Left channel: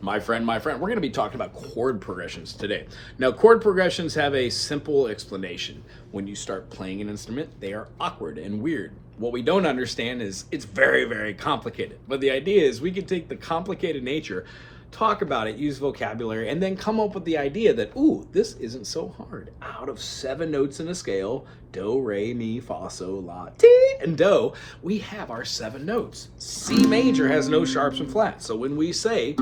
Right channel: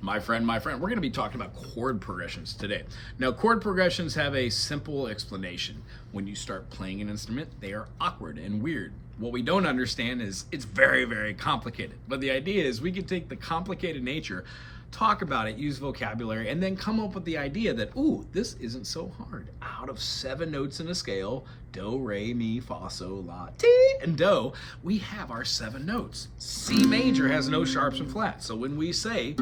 My friend, we're going to be talking about chord progressions today. Now, chord progressions have a simple explanation. When you start playing an instrument, they are awkward and weird. What we don't understand is it's very, very complicated. But the idea is we can take the complicated nature, talk about it, use vocabulary, and then come up with the idea that, ooh, this isn't so hard. Out of 7 notes in a scale, do, re, mi, fa, sol, la, ti, and do, we have our 7 notes. C major has no sharps and flats. So when we say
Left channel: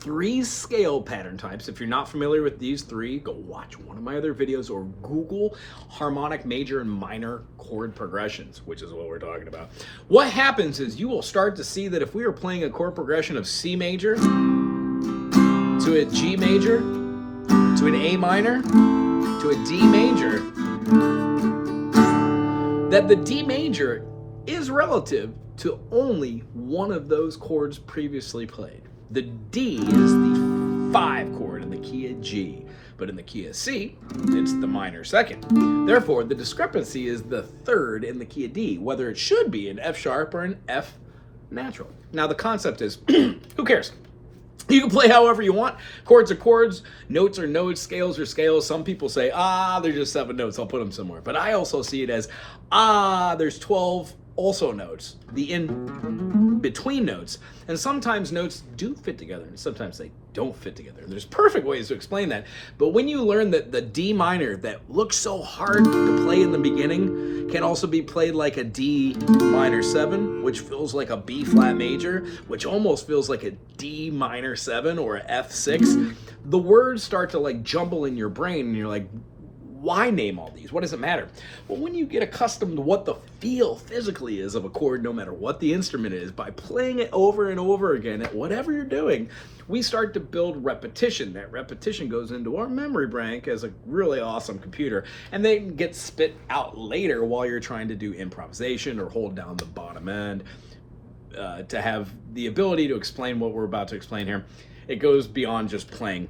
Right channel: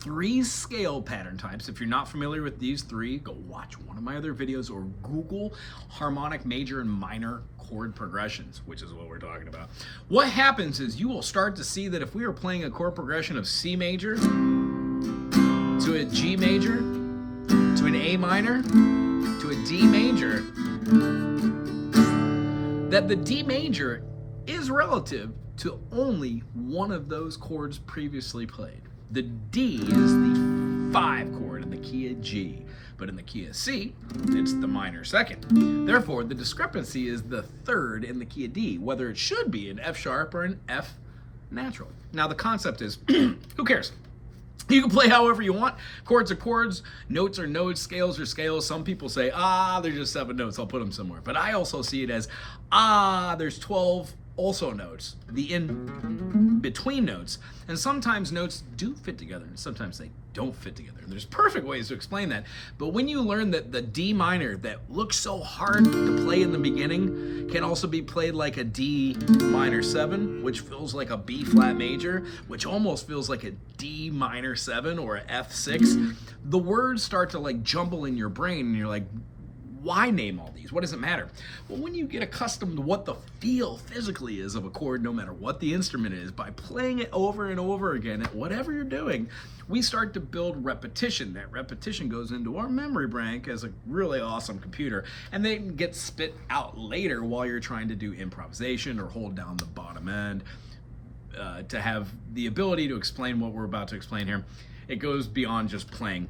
3 scale pattern types. If you're not familiar with these 3, go watch one of my other videos or Google harmonic major and minor chord progressions, which is what we're talking about. What happens is you will start to see that if we are playing a chord progression of C major to a G major to an A minor to a D major, that the D major is relative to only one of those chords previously played. The D is the 5 chord in the key of G, but in the key of C, it's the minor second. Therefore, the discrepancy is the 3rd in the key of D, whether it should be an F sharp or an F natural. Now, the concept is, who cares? You can play however you want. Chords are chords, notes are notes, scales are scales. Some people say, they're just 7 notes, I'll put them somewhere. But I also see it as, there's 12 also notes, the in-between notes. And sometimes notes do fit together, and sometimes they don't fit together. And there's perfect ways to explain that. But when you learn that the D minor that looks so hard to play in the beginning can also be played like a D minor 7, which feels like a B flat major, which almost feels like a D minor 7 or a F6, the words start to like jumble in your brain, and you're like, why name all these? What does it matter? Well, when you get accustomed to what the feel physically is of a chord, no matter what the instrument is, by playing it over and over again at whatever you're doing, we start to build repetition. That repetition goes into our memory bank as a really awesome computer, and they get spit out later while you're trying to do improvisation or hold down the bottom end. To have the ability to explain what we're about to explain here, it goes beyond just playing.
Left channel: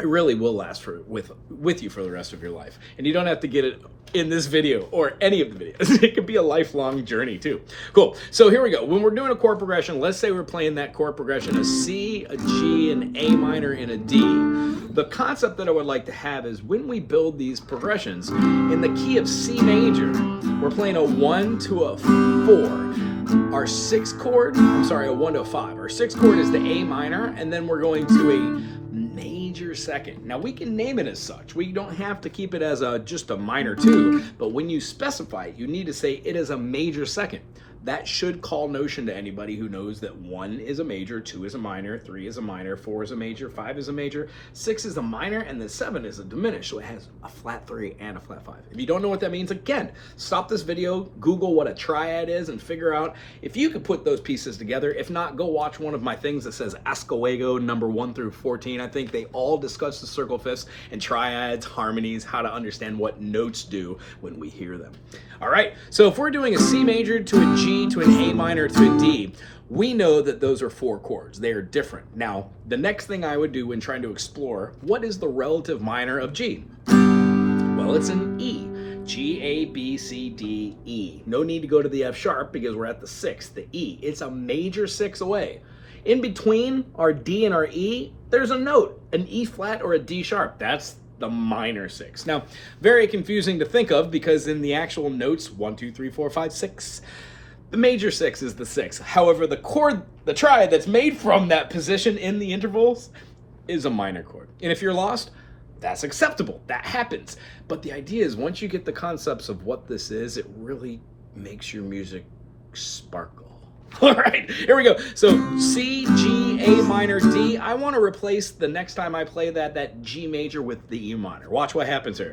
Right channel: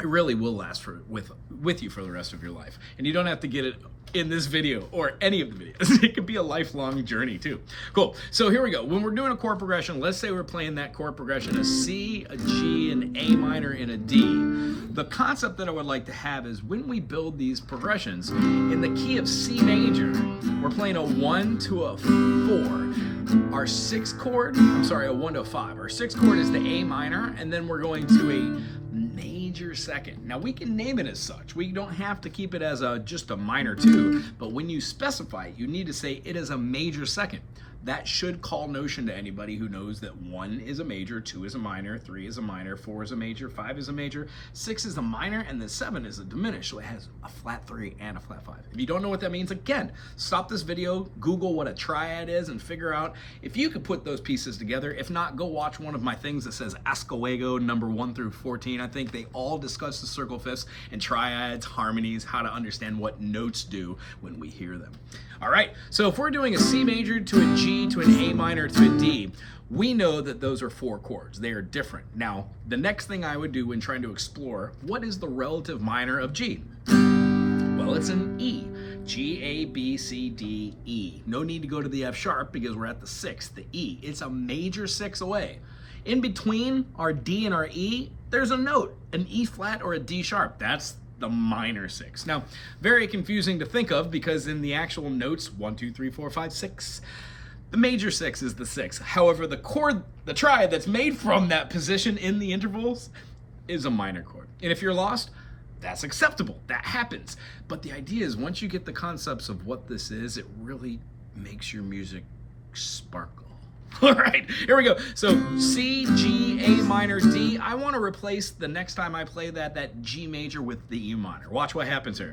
It really will last with you for the rest of your life. And you don't have to get it in this video or any of the videos. It could be a lifelong journey too. Cool. So here we go. When we're doing a chord progression, let's say we're playing that chord progression, a C, a G, an A minor, and a D. The concept that I would like to have is when we build these progressions, in the key of C major, we're playing a 1 to a 4. Our 6th chord, a 1 to a 5. Our 6th chord is the A minor, and then we're going to a major second. Now we can name it as such. We don't have to keep it as just a minor 2, but when you specify it, you need to say it is a major second. That should call notion to anybody who knows that 1 is a major, 2 is a minor, 3 is a minor, 4 is a major, 5 is a major, 6 is a minor, and then 7 is a diminished. So it has a flat 3 and a flat 5. If you don't know what that means, again, stop this video, Google what a triad is, and figure out if you could put those pieces together. If not, go watch one of my things that says Oscoego number 1 through 14. I think they all discuss the circle fifths and triads, harmonies, how to understand what notes do when we hear them. All right, so if we're doing a C major to a G to an A minor to a D, we know that those are 4 chords. They are different. Now, the next thing I would do when trying to explore, what is the relative minor of G? Well, it's an E. G, A, B, C, D, E. No need to go to the F sharp because we're at the 6th, the E. It's a major 6 away. In between our D and our E, there's a note, an E flat or a D sharp. That's the minor 6. Now, very confusing to think of because in the actual notes, 1, 2, 3, 4, 5, 6, the major 6 is the 6. However, the chord, the triad that's made from that position in the intervals is a minor chord. And if you're lost, that's acceptable. That happens. But the idea is once you get the concepts of what this is, it really makes your music sparkle. All right, here we go. So C, G, A minor, D. I want to replace the next time I play that G major with the E minor. Watch what happens here.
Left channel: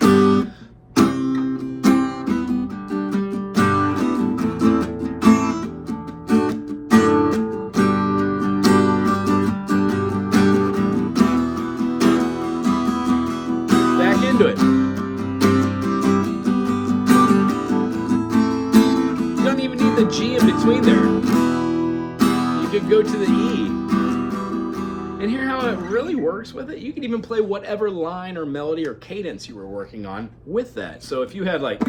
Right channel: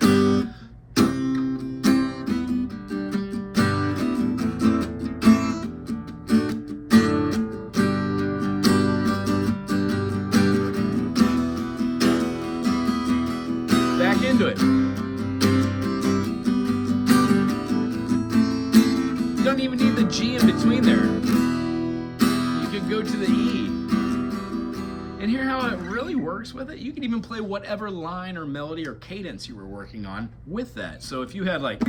Back into it. You don't even need the G in between there. You could go to the E. And hear how it really works with it? You can even play whatever line or melody or cadence you were working on with that. So if you had like...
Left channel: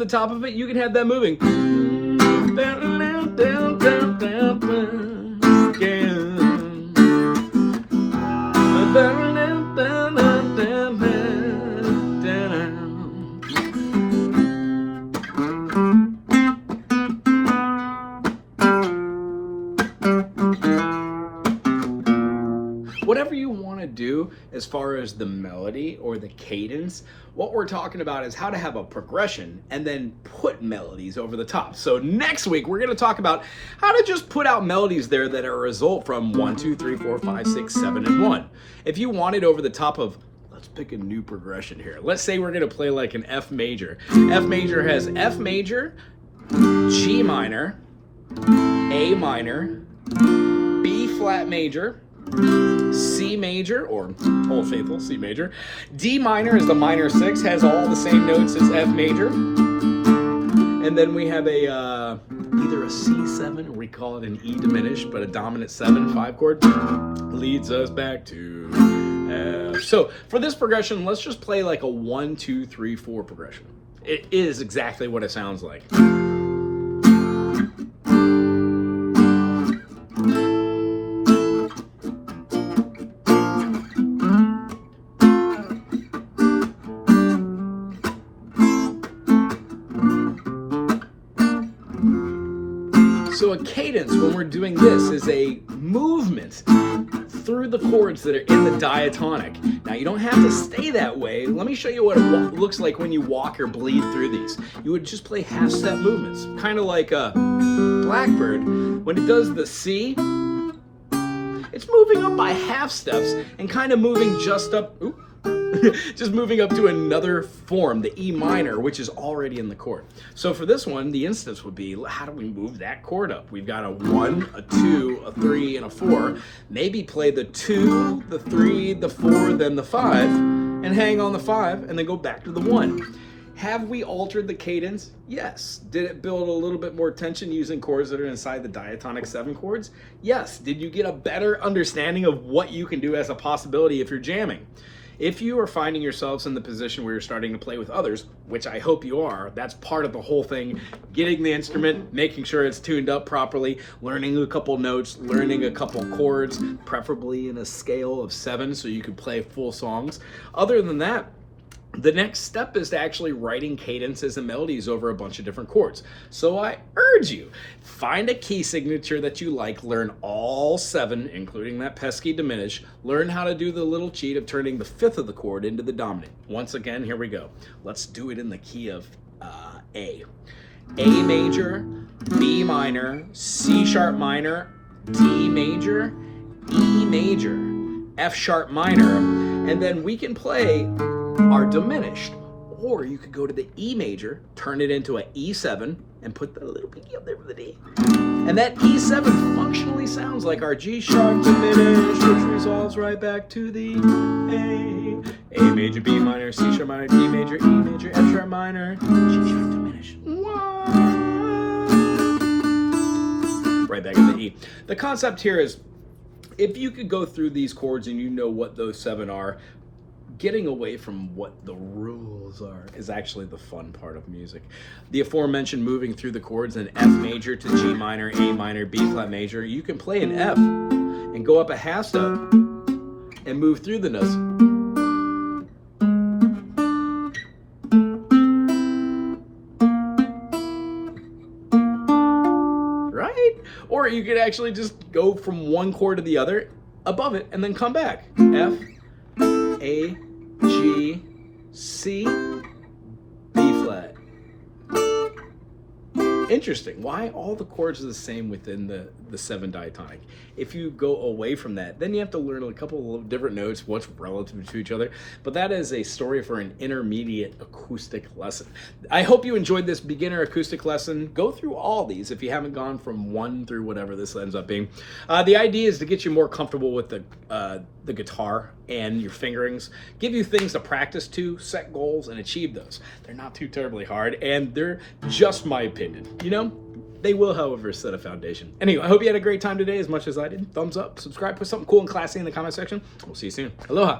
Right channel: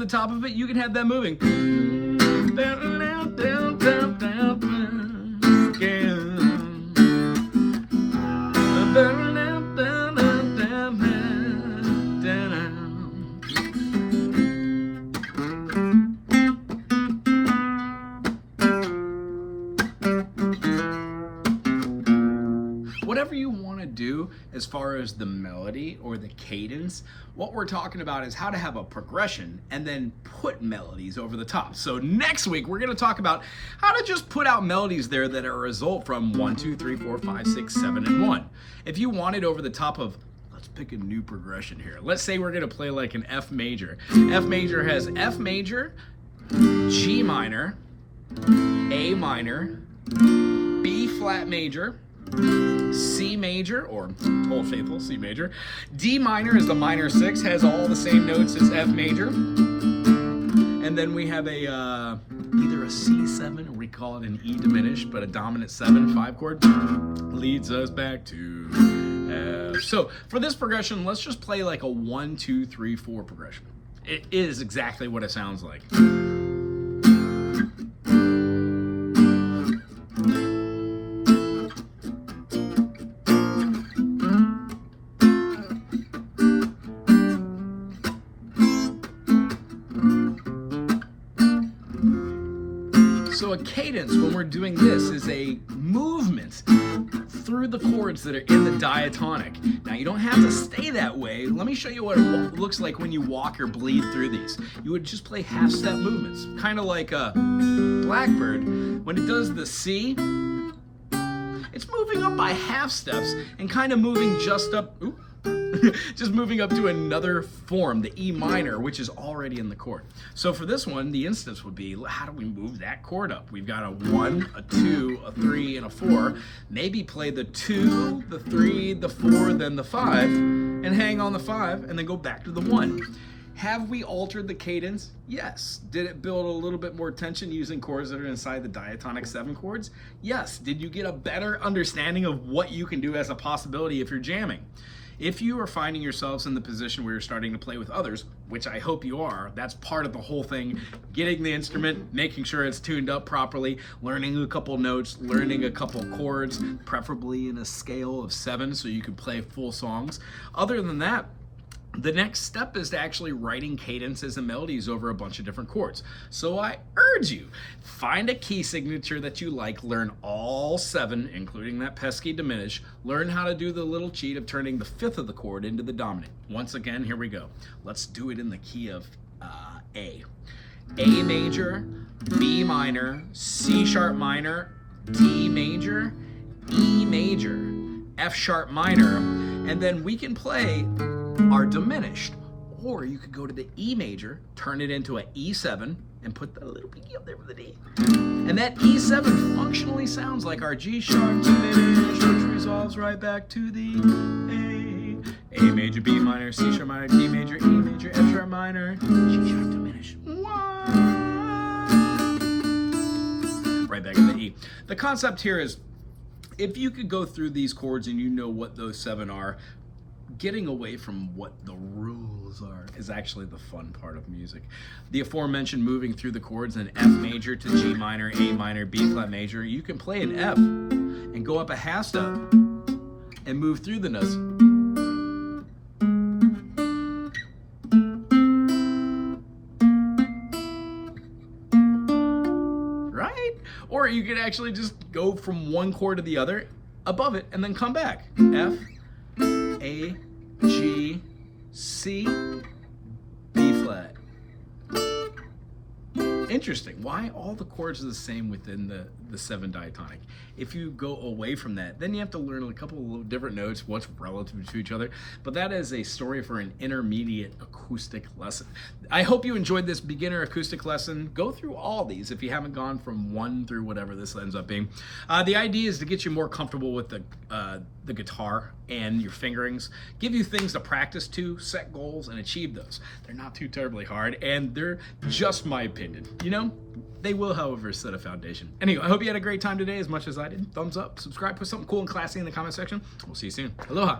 the top of it, you can have that moving. Whatever you want to do as far as the melody or the cadence, what we're talking about is how to have a progression and then put melodies over the top. So next week, we're going to talk about how to just put out melodies there that are a result from 1, 2, 3, 4, 5, 6, 7, and 1. If you want it over the top of, let's pick a new progression here. Let's say we're going to play like an F major. F major has F major, G minor, A minor, B flat major, C major, or Old Faithful, C major. D minor is the minor 6, has all the same notes as F major. And then we have a either a C7, or we call it an E diminished, but a dominant 7, 5 chord, leads us back to F. So for this progression, let's just play like a 1, 2, 3, 4 progression. It is exactly what it sounds like. So a cadence, when we're doing this, is a movement through the chords that are in the diatonic. Now, you don't have to stay that way. Let me show you what it looks like when you walk or bleed through these. You would just play half-step movements, kind of like a blackbird. When it does the C, it's moving up by half steps and kind of moving just up, just moving up to another form, the E minor, which is already in the chord. So for this one, the instance would be, how do we move that chord up? We've got a 1, a 2, a 3, and a 4. Maybe play the 2, the 3, the 4, then the 5, and hang on the 5, and then go back to the 1. Have we altered the cadence? Yes. Did it build a little bit more tension using chords that are inside the diatonic 7 chords? Yes. Did you get a better understanding of what you can do as a possibility if you're jamming? If you are finding yourselves in the position where you're starting to play with others, which I hope you are, that's part of the whole thing. Getting the instrument, making sure it's tuned up properly, learning a couple notes, learning a couple chords, preferably in a scale of 7 so you can play full songs. Other than that, the next step is to actually writing cadences and melodies over a bunch of different chords. So I urge you, find a key signature that you like, learn all 7, including that pesky diminish, learn how to do the little cheat of turning the 5th of the chord into the dominant. Once again, here we go. Let's do it in the key of A. A major, B minor, C sharp minor, D major, E major, F sharp minor, and then we can play are diminished, or you could go to the E major, turn it into an E7, and put the little pinky up there with the D. And that E7 functionally sounds like our G sharp diminished, which resolves right back to the A major, B minor, C sharp minor, D major, E major, F sharp minor, G sharp diminished. Right back at the E. The concept here is, if you could go through these chords and you know what those 7 are, getting away from what the rules are is actually the fun part of music. The aforementioned moving through the chords in F major to G minor, A minor, B flat major, you can play an F and go up a half step and move through the notes. Right? Or you could actually just go from one chord to the other, above it, and then come back. F, A, G, C, B flat. Interesting. Why all the chords are the same within the 7 diatonic? If you go away from that, then you have to learn a couple of different notes, what's relative to each other. But that is a story for an intermediate acoustic lesson. I hope you enjoyed this beginner acoustic lesson. Go through all these if you haven't gone from 1 through whatever this ends up being. The idea is to get you more comfortable with the guitar and your fingerings, give you things to practice to, set goals, and achieve those. They're not too terribly hard, and they're just my opinion. You know, they will, however, set a foundation. Anyway, I hope you had a great time today as much as I did. Thumbs up, subscribe, put something cool and classy in the comment section. We'll see you soon. Aloha.